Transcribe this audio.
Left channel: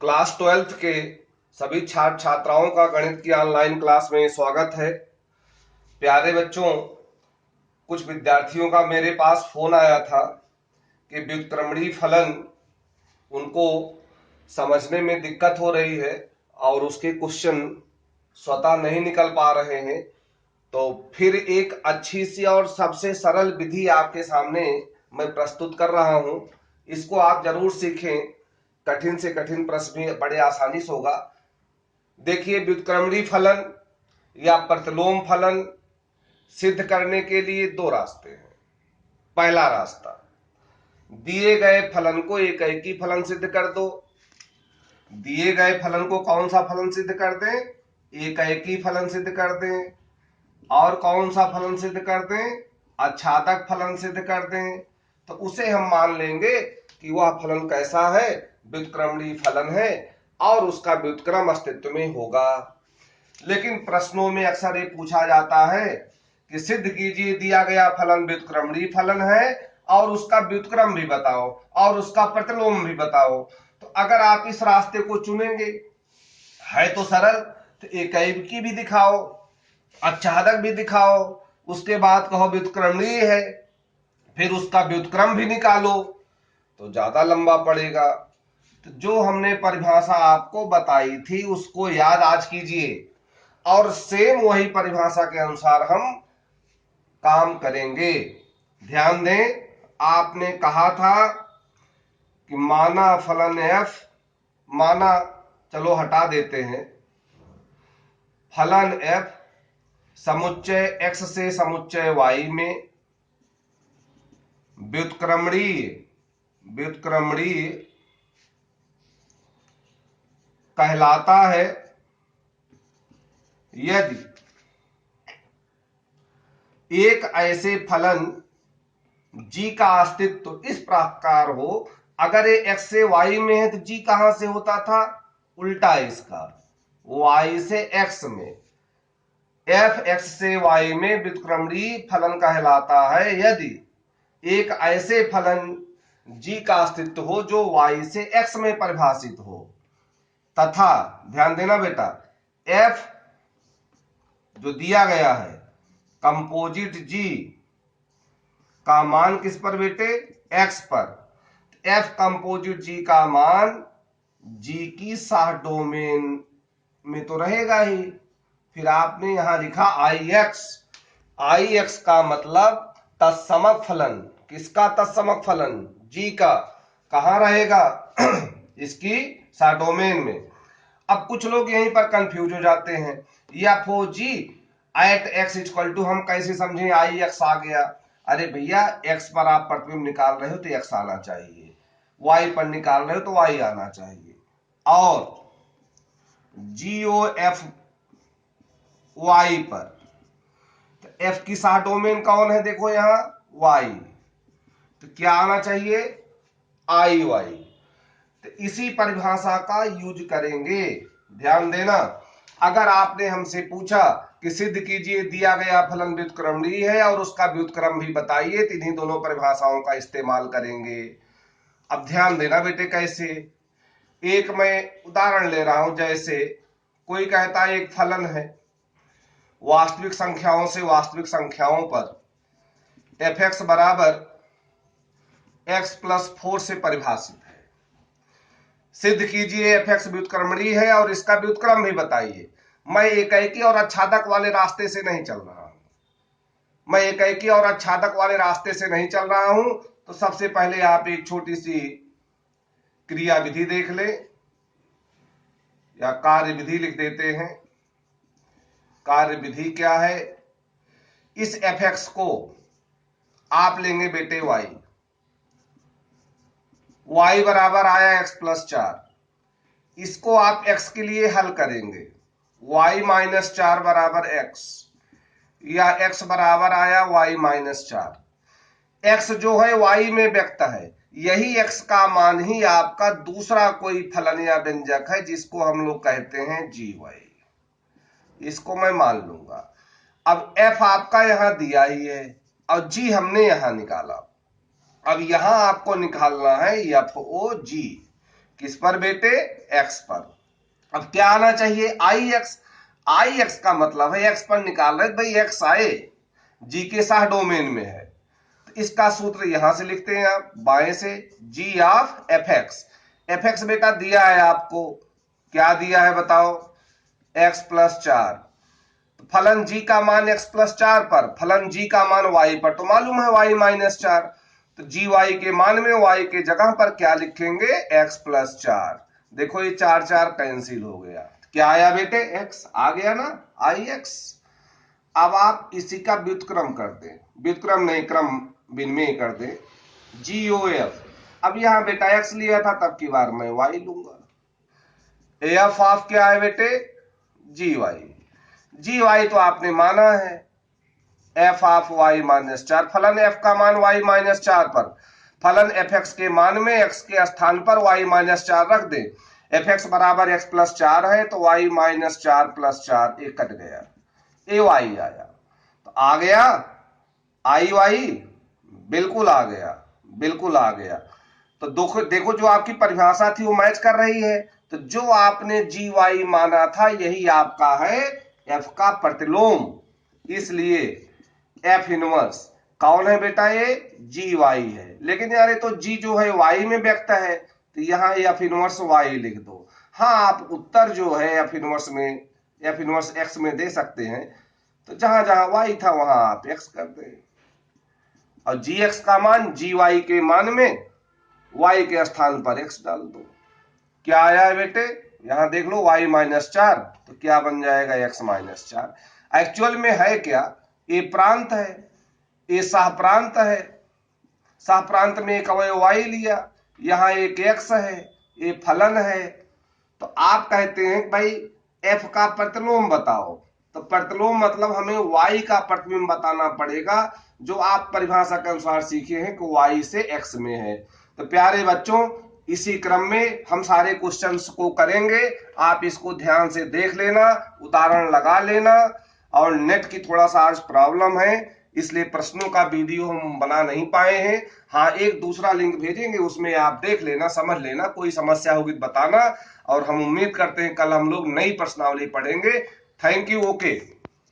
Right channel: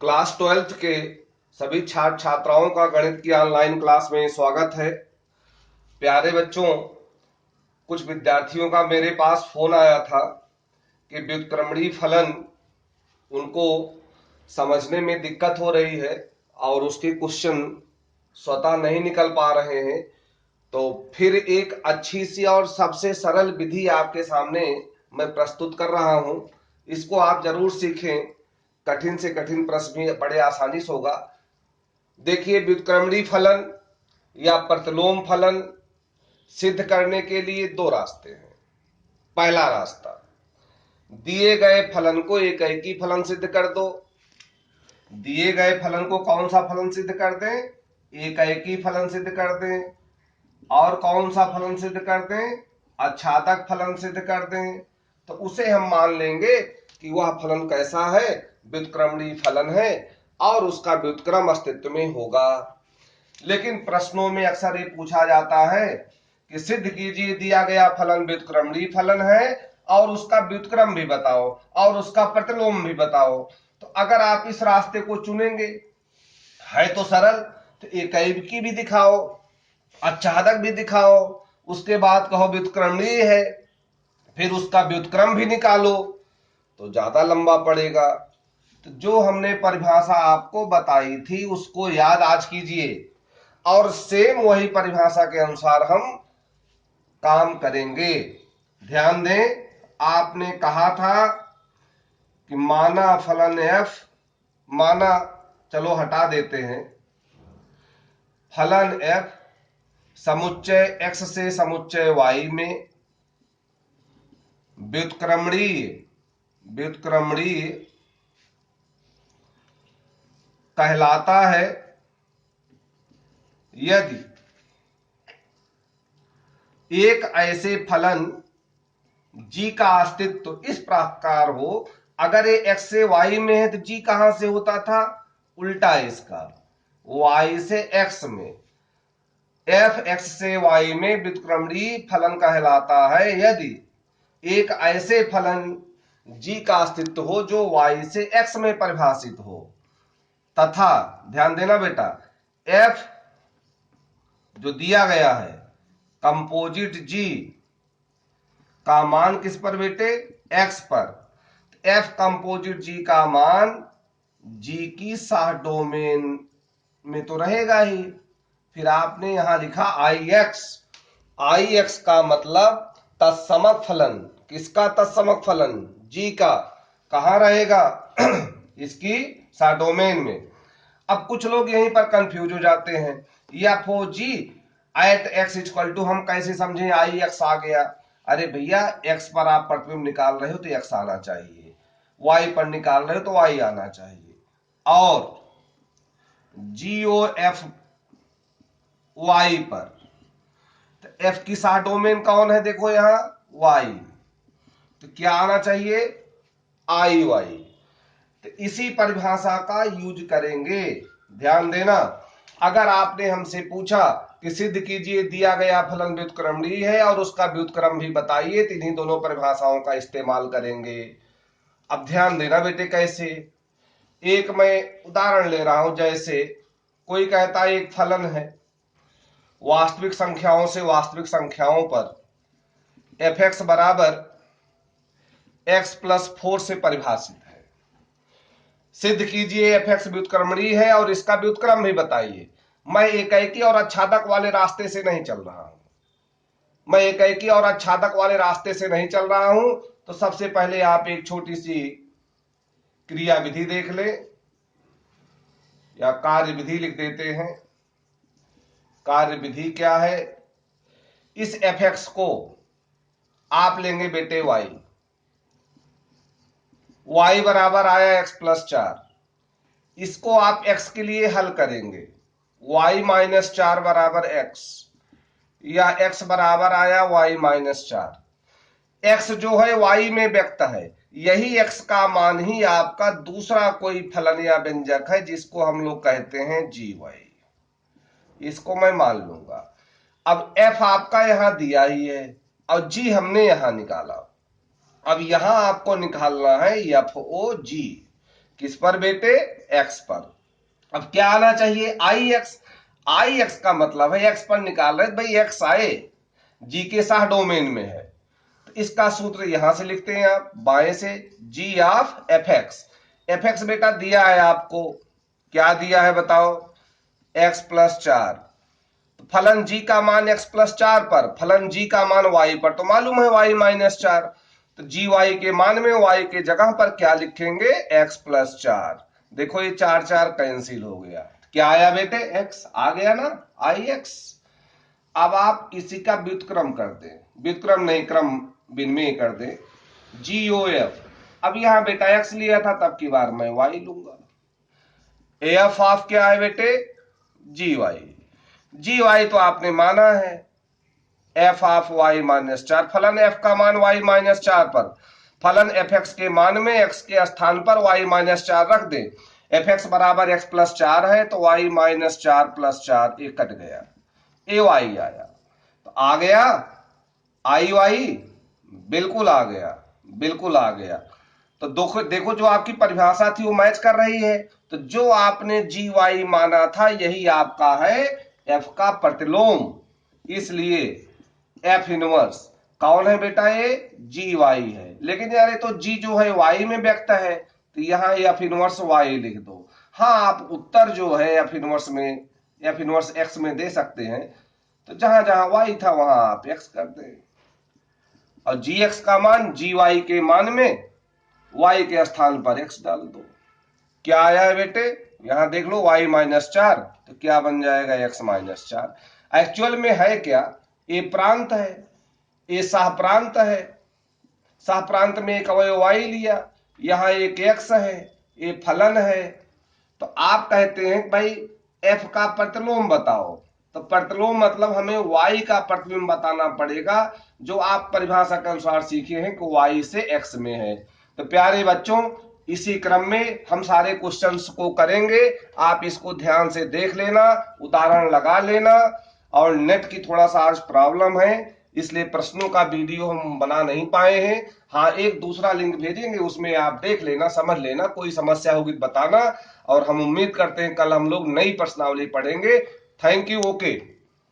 Class 12th के सभी छात्र छात्राओं का गणित की ऑनलाइन क्लास में स्वागत है। प्यारे बच्चों, कुछ विद्यार्थियों का मेरे पास फोन आया था कि व्युत्क्रमणीय फलन उनको समझने में दिक्कत हो रही है और उसके क्वेश्चन स्वतः नहीं निकल पा रहे हैं। तो फिर एक अच्छी सी और सबसे सरल विधि आपके सामने मैं प्रस्तुत कर रहा हूं। इसको आप जरूर सीखें। कठिन से कठिन प्रश्न भी बड़े आसानी से होगा। देखिए, व्युत्क्रमणीय फलन या प्रतिलोम फलन सिद्ध करने के लिए दो रास्ते हैं। पहला रास्ता, दिए गए फलन को एकैकी फलन सिद्ध कर दो। दिए गए फलन को कौन सा फलन सिद्ध कर दें? एकैकी फलन सिद्ध कर दें। और कौन सा फलन सिद्ध कर दें? आच्छादक फलन सिद्ध कर दें। तो उसे हम मान लेंगे कि वह फलन कैसा है? व्युत्क्रमणीय फलन है और उसका व्युत्क्रम अस्तित्व में होगा। लेकिन प्रश्नों में अक्सर ये पूछा जाता है कि सिद्ध कीजिए दिया गया फलन व्युत्क्रमणीय फलन है और उसका व्युत्क्रम भी बताओ और उसका प्रतिलोम भी बताओ। तो अगर आप इस रास्ते को चुनेंगे है तो सरल, तो एकैकी भी दिखाओ, आच्छादक भी दिखाओ, उसके बाद कहो व्युत्क्रमणीय है, फिर उसका व्युत्क्रम भी निकालो, तो ज्यादा लंबा पड़ेगा। तो जो हमने परिभाषा आपको बताई थी उसको याद आज कीजिए और सेम वही परिभाषा के अनुसार हम काम करेंगे। ध्यान दें, आपने कहा था कि माना फलन f, माना, चलो हटा देते हैं, फलन f समुच्चय x से समुच्चय y में व्युत्क्रमणीय कहलाता है यदि एक ऐसे फलन g का अस्तित्व इस प्रकार हो। अगर ये x से y में है तो g कहां से होता था? उल्टा इसका, y से x में। f x से y में व्युत्क्रमणीय फलन कहलाता है यदि एक ऐसे फलन g का अस्तित्व हो जो y से x में परिभाषित हो तथा, ध्यान देना बेटा, f जो दिया गया है कंपोजिट g का मान किस पर बेटे? x पर। f कंपोजिट g का मान g की सह डोमेन में तो रहेगा ही। फिर आपने यहां लिखा ix का मतलब तत्समक फलन। किसका तत्समक फलन? g का। कहां रहेगा? इसकी सह डोमेन में। अब कुछ लोग यहीं पर कंफ्यूज हो जाते हैं, या फो जी एट एक्स इक्वल टू, हम कैसे समझें आई एक्स आ गया? अरे भैया, x पर आप प्रतिबिंब निकाल रहे हो तो x आना चाहिए, y पर निकाल रहे हो तो y आना चाहिए। और GOF y पर, तो f की सह डोमेन कौन है? देखो यहां y, तो क्या आना चाहिए? IY। तो इसी परिभाषा का यूज करेंगे। ध्यान देना, अगर आपने हमसे पूछा कि सिद्ध कीजिए दिया गया फलन व्युत्क्रमणीय है और उसका व्युत्क्रम भी बताइए, तो इन्हीं दोनों परिभाषाओं का इस्तेमाल करेंगे। अब ध्यान देना बेटे, कैसे? एक मैं उदाहरण ले रहा हूं। जैसे कोई कहता है एक फलन है वास्तविक संख्याओं से वास्तविक संख्याओं पर fx बराबर x प्लस 4 से परिभाषित है। सिद्ध कीजिए fx व्युत्क्रमणीय है और इसका व्युत्क्रम भी बताइए। मैं एकैकी और आच्छादक वाले रास्ते से नहीं चल रहा हूं। चल रहा हूं। तो सबसे पहले आप एक छोटी सी क्रिया विधि देख ले, या कार्य विधि लिख देते हैं। कार्य विधि क्या है? इस fx को आप लेंगे बेटे y बराबर आया x प्लस 4। इसको आप x के लिए हल करेंगे, y माइनस 4 बराबर x, या x बराबर आया y माइनस 4। x जो है y में व्यक्त है, यही x का मान ही आपका दूसरा कोई फलन या व्यंजक है जिसको हम लोग कहते हैं gy। इसको मैं मान लूंगा। अब f आपका यहां दिया ही है और g हमने यहां निकाला। अब यहां आपको निकालना है FOG। किस पर बेटे? एक्स पर। अब क्या आना चाहिए? आई एक्स। आई एक्स का मतलब है एक्स पर निकाल रहे भाई, एक्स आए, जी के साथ डोमेन में है। तो इसका सूत्र यहां से लिखते हैं आप बाएं से, g of f x. F x बेटा दिया है आपको, क्या दिया है बताओ? X plus 4। तो फलन जी का मान एक्स प्लस 4 पर, फलन जी का मान वाई पर तो मालूम है वाई माइनस 4। तो जी वाई के मान में वाई के जगह पर क्या लिखेंगे? X plus 4। देखो ये 4 4 कैंसिल हो गया, क्या आया बेटे? एक्स आ गया ना, आई एक्स। अब आप इसी का व्युत्क्रम कर दें, व्युत्क्रम नहीं क्रम विनिमय कर दें, जी ओ एफ। अब यहां बेटा एक्स लिया था, तब की बार मैं वाई लूंगा। एफ ऑफ क्या है बेटे? जी वाई। जी वाई तो आपने माना है, एफ ऑफ वाई माइनस 4। फलन एफ का मान वाई माइनस 4 पर, फलन एफ एक्स के मान में एक्स के स्थान पर वाई माइनस 4 रख दे। एफ एक्स बराबर एक्स प्लस 4 है, तो वाई माइनस 4 प्लस 4 एक कट गया, ए वाई आया। तो आ गया आई वाई, बिल्कुल आ गया, बिल्कुल आ गया। तो देखो जो आपकी परिभाषा थी वो मैच कर रही है। तो जो आपने जी वाई माना था यही आपका है एफ का प्रतिलोम। इसलिए एफ इनवर्स कौन है बेटा? ये जी वाई है। लेकिन यार ये तो जी जो है वाई में व्यक्त है, तो यहां एफ इनवर्स वाई लिख दो। हाँ, आप उत्तर जो है एफ इनवर्स में, एफ इनवर्स एक्स में दे सकते हैं। तो जहां जहां वाई था वहां आप एक्स कर दें, और जी एक्स का मान जी वाई के मान में वाई के स्थान पर एक्स डाल दो। क्या आया है बेटे? यहां देख लो वाई माइनस 4, तो क्या बन जाएगा? X minus 4। एक्चुअल में है क्या? ए प्रांत है, ए सह प्रांत है, सह प्रांत में एक अवयव वाई लिया, यहां एक एक्स है, ए फलन है। तो आप कहते हैं भाई एफ का प्रतिलोम बताओ। तो प्रतिलोम मतलब हमें वाई का प्रतिबिंब बताना पड़ेगा, जो आप परिभाषा के अनुसार सीखे हैं कि वाई से एक्स में है। तो प्यारे बच्चों, इसी क्रम में हम सारे क्वेश्चंस को करेंगे, आप इसको ध्यान से देख लेना, उदाहरण लगा लेना। और नेट की थोड़ा सा आज प्रॉब्लम है, इसलिए प्रश्नों का वीडियो हम बना नहीं पाए हैं। हाँ, एक दूसरा लिंक भेजेंगे, उसमें आप देख लेना, समझ लेना, कोई समस्या होगी बताना। और हम उम्मीद करते हैं कल हम लोग नई प्रश्नावली पढ़ेंगे। Thank you. ओके।